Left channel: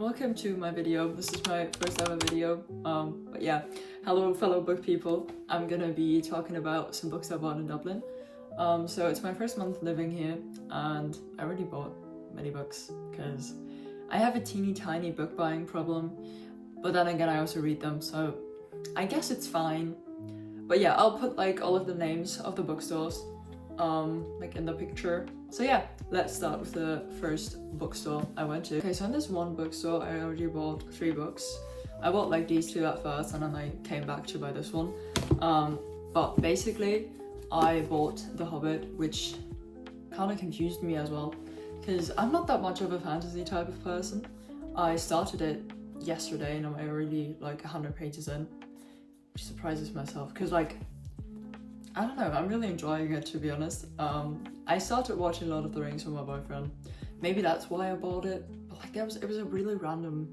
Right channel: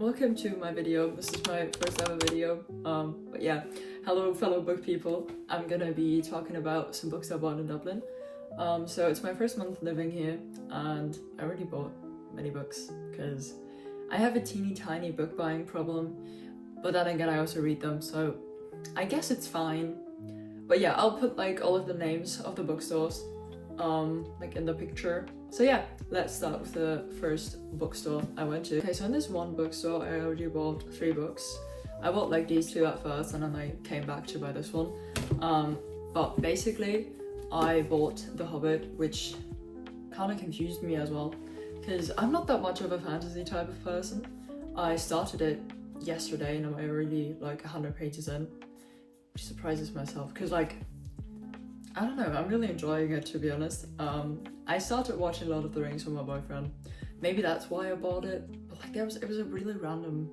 welcome to my video. This is my first ever video. But yeah, hello fellow book people. I'm gonna be talking about some books I bought in Dublin. So it's my first month living here and I already bought many books because I have a teeny tiny book buying problem, but then again I also read them, so I guess it's fine. But yeah, I'll put like all of the names of the bookstores like in the picture. So yeah, let's start with the first bookstore I went to. Okay, so in this one bookstore I already bought 3 books. I bought like these 2 at first and then I came back to buy this one. But basically I bought The Hobbit, which kind of confused me as well because I'm not that much of a fantasy type of person. I started it yesterday and I'm already like 100 pages in, which surprises myself because like I don't know, I'm really enjoying it, to be honest. I started watching Lord of the Rings with my boyfriend. Maybe that's why I bought it, but like it was a really random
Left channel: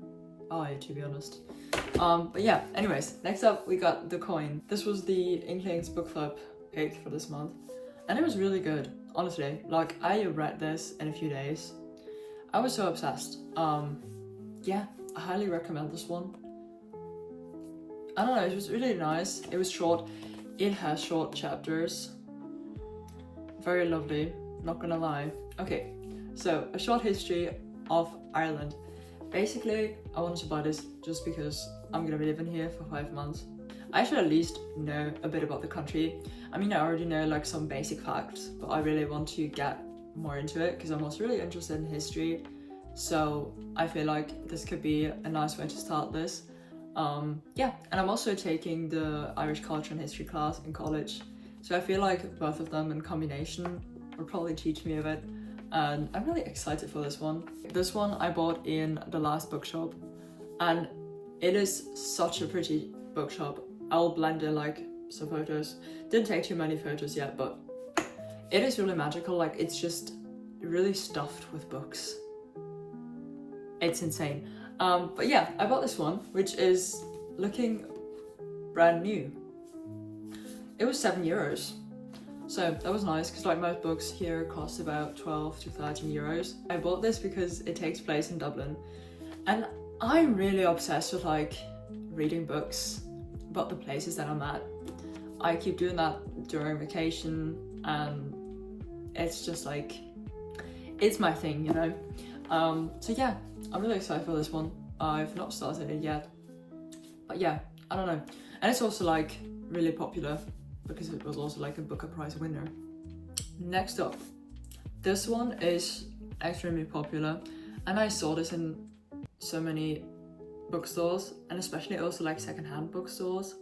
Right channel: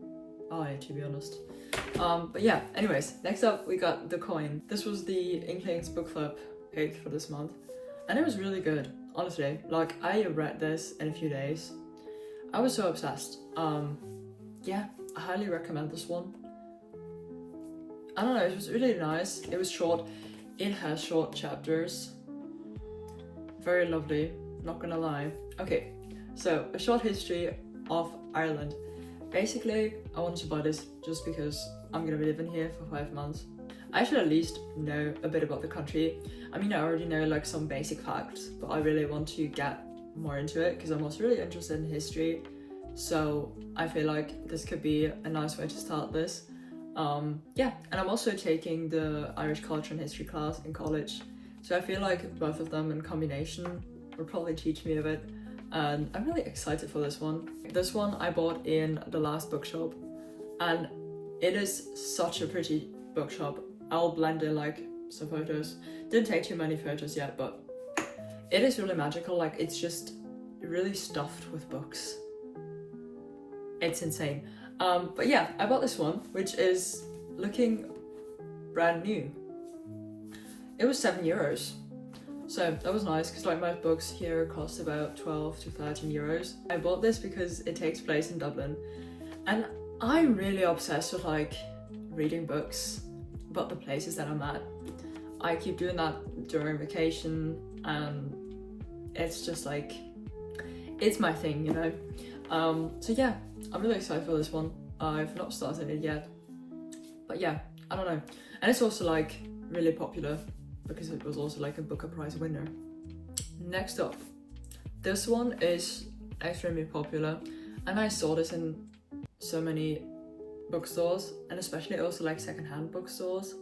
buy, to be honest. But yeah, anyways, next up we got The Coin. This was the Inklings book club pick for this month and it was really good, honestly. Like I read this in a few days. I was so obsessed. Yeah, I highly recommend this one. I don't know, it was really nice. It was short. It has short chapters. Very lovely, not gonna lie. Okay, so a short history of Ireland. Basically, I wanted to buy this just because I'm gonna be living here for 5 months. I should at least know a bit about the country. I mean, I already know like some basic facts, but I really want to get more into it because I'm also really interested in history. So I feel like this could be a nice way to start this. Yeah, and I'm also taking the Irish culture and history class in college, so I feel like both of them in combination would probably teach me a bit, and I'm really excited for this one. This one I bought in the last bookshop and it is such a pretty bookshop. I'll blend in like some photos. Didn't take too many photos yet, but it is really magical. Like it's just really stuffed with books. It's insane. But yeah, I bought this one, which is looking brand new. It was €7, so that was nice because like most books here cost about 12 to 13 euros. I bought this because it takes place in Dublin and I'm really obsessed with like reading books about the places that I'm at. I keep doing that during vacation and it's just like, it's my thing, you know? So yeah, I'm really excited for this one. I've not started it yet, but yeah, I don't know. And it's also like really popular because it was also like a Booker Prize winner. Next up, this one is extremely popular and I saw this in so many bookstores and especially also like secondhand bookstores.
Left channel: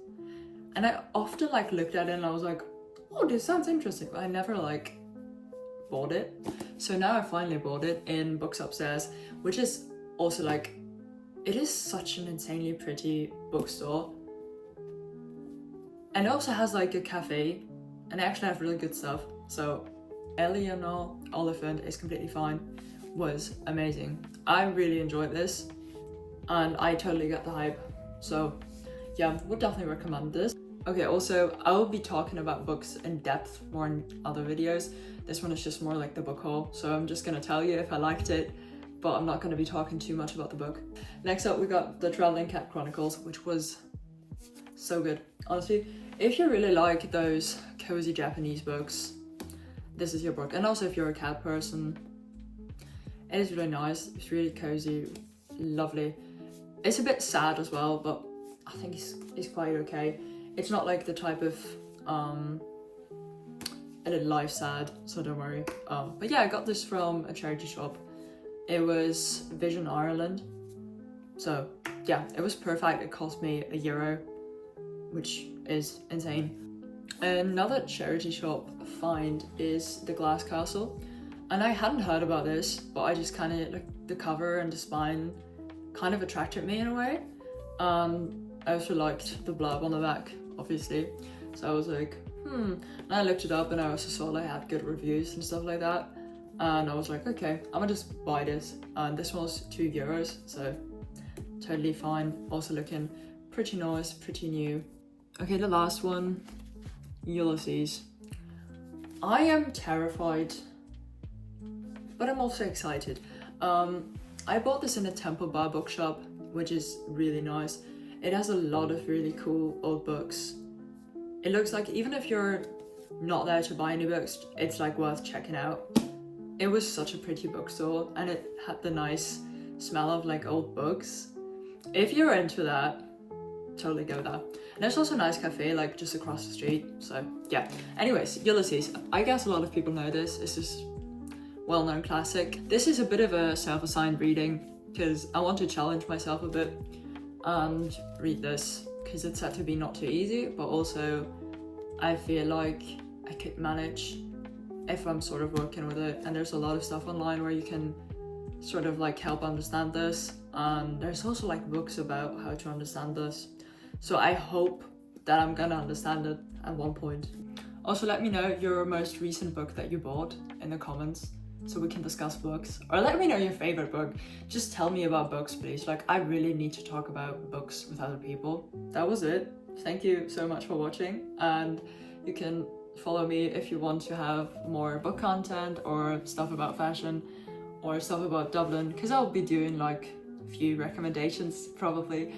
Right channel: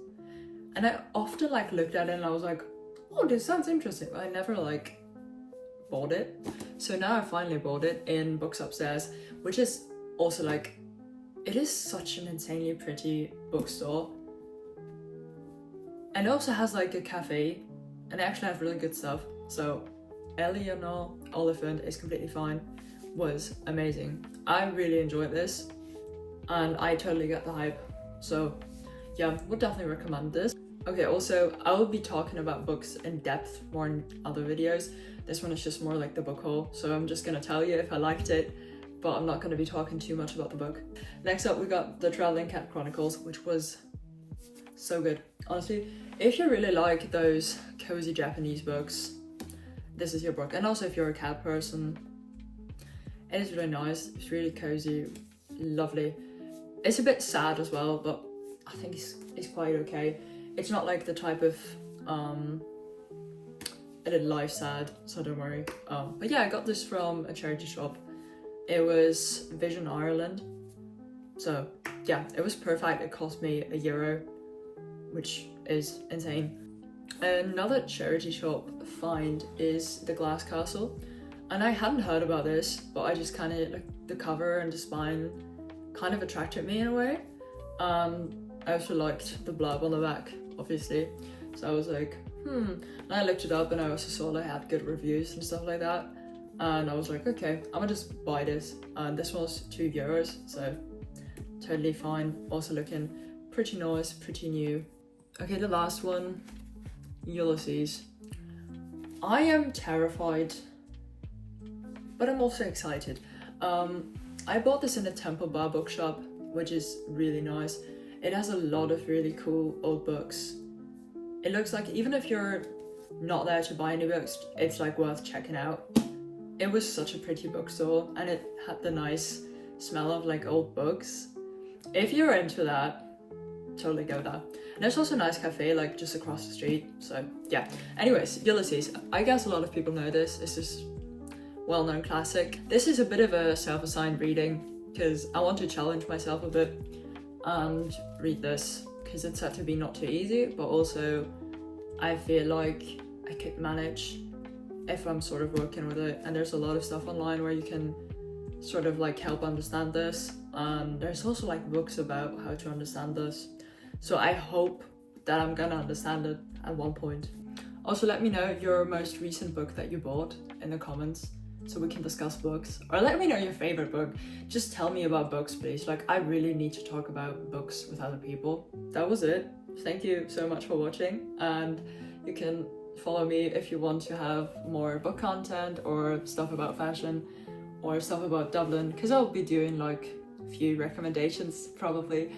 And I often like looked at it and I was like, oh, this sounds interesting, but I never like bought it. So now I finally bought it in Books Upstairs, which is also like, it is such an insanely pretty bookstore. And it also has like a cafe and they actually have really good stuff. So Eleanor Oliphant is completely fine was amazing. I really enjoyed this and I totally get the hype. So yeah, would definitely recommend this. Okay, also I will be talking about books in depth more in other videos. This one is just more like the book haul, so I'm just gonna tell you if I liked it, but I'm not gonna be talking too much about the book. Next up we got The Traveling Cat Chronicles, which was so good. Honestly, if you really like those cozy Japanese books, this is your book. And also if you're a cat person, it is really nice. It's really cozy, lovely. It's a bit sad as well, but I think it's quite okay. It's not like the type of I did life sad, so don't worry. But yeah, I got this from a charity shop. It was Vision Ireland. So yeah, it was perfect. It cost me €1, which is insane. Another charity shop find is The Glass Castle. And I hadn't heard about this, but I just kind of, like the cover and the spine kind of attracted me in a way. I also liked the blurb on the back, obviously. So I was like, And I looked it up and I also saw they had good reviews and stuff like that. And I was like, okay, I'm gonna just buy this. And this one was €2, so totally fine. Also looking pretty nice, pretty new. Okay, the last one, Ulysses. I am terrified, but I'm also excited. I bought this in a Temple Bar bookshop, which is really nice. It has a lot of really cool old books. It looks like even if you're not there to buy any books, it's like worth checking out. It was such a pretty bookstore, and it had the nice smell of like old books. If you're into that, totally go there. And there's also a nice cafe like just across the street, so yeah. Anyways, Ulysses, I guess a lot of people know this. It's this well-known classic. This is a bit of a self-assigned reading because I want to challenge myself a bit and read this because it's said to be not too easy, but also I feel like I could manage if I'm sort of working with it. And there's a lot of stuff online where you can sort of like help understand this, and there's also like books about how to understand this, so I hope that I'm gonna understand it at one point. Also, let me know your most recent book that you bought in the comments so we can discuss books, or let me know your favorite book. Just tell me about books, please. Like, I really need to talk about books with other people. That was it. Thank you so much for watching, and you can follow me if you want to have more book content or stuff about fashion or stuff about Dublin, because I'll be doing like a few recommendations probably.